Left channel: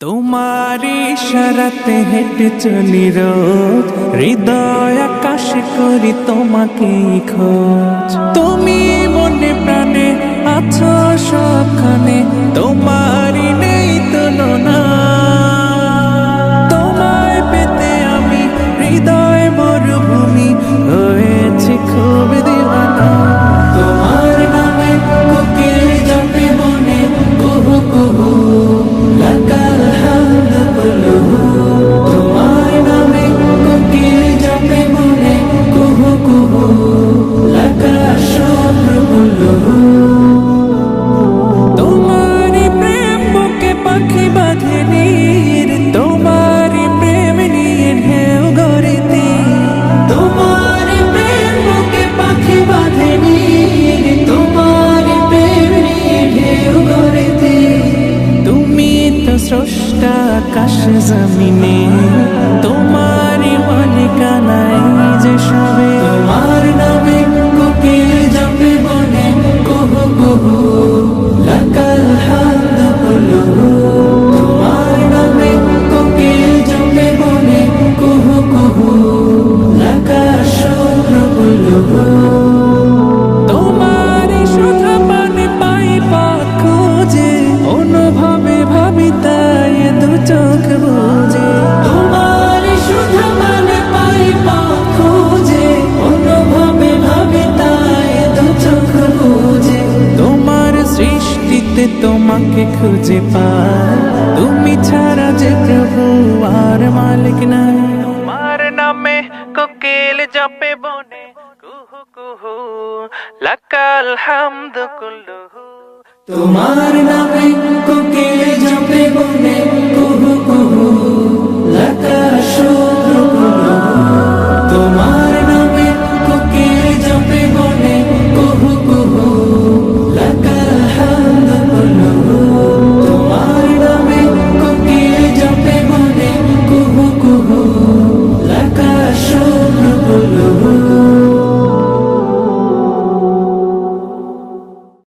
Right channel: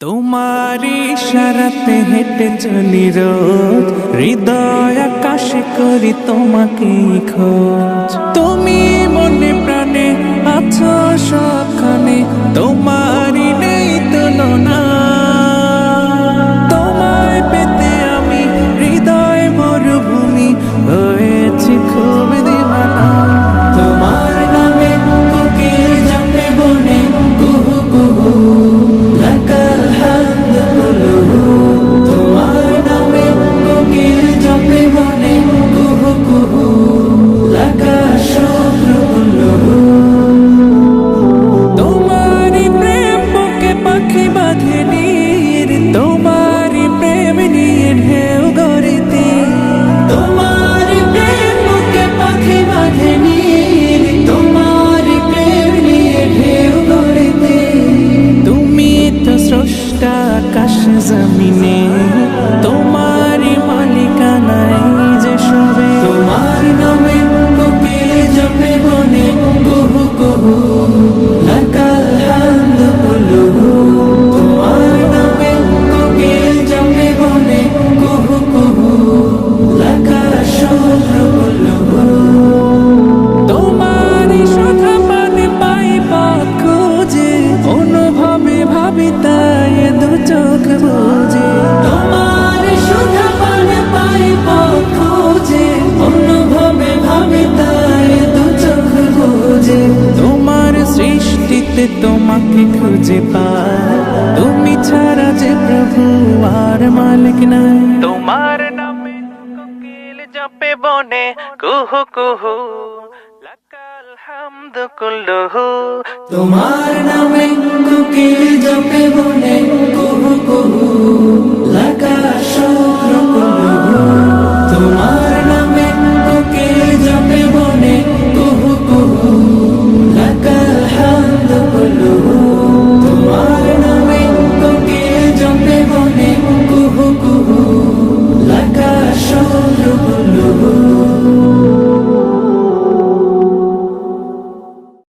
তোমার ইশারাতে হেঁটে চলি রোজ, হৃদয় আকাশে করি তোমাকে খোঁজ। তুমি মনে প্রাণে আছো সবখানে, তোমারই নেই তুলনা। তোমায় পেতে আমি হৃদয় মরুভূমি হয়েছি খুব দিওয়ানা। তোমার নামে কোকিল জপে মনে কুহু কুহু, লাকাল হামদ কুলুহু। তোমার নামে কোকিল জপে মনে কুহু কুহু, লাকাল শুক্র কুলুহু। তোমারি প্রেম বুকে পাখি বাঁধে নীর, তোমারি প্রেম নিয়ে ঢেউ গড়িতে। তোমারি প্রেম বুকে পাখি বাঁধে নীর, তোমারি প্রেম নিয়ে ঢেউ গড়িতে। তুমি তো স্রষ্টা আকাশ জমিনে, তোমারি মালিকানায় যে সবে। তোমার নামে কোকিল জপে বনে কুহু কুহু, লাকাল হামদ কুলুহু। তোমার নামে কোকিল জপে বনে কুহু কুহু, লাকাল শুক্র কুলুহু। তোমারি সুধা পানে পাই পথ খুঁজে, অনুভবে ভাবি তাই দু চোখ বুঝে। তোমারি সুধা পানে পাই পথ খুঁজে, অনুভবে ভাবি তাই দু চোখ বুঝে। তোমার সৃষ্টিতে তোমাকে খুঁজে পাই, তুমি ছাড়া যে প্রভু আর মালিক নাই। তোমার নামে কোকিল জপে বনে কুহু কুহু, লাকাল হামদ কুলুহু। তোমার নামে কোকিল জপে বনে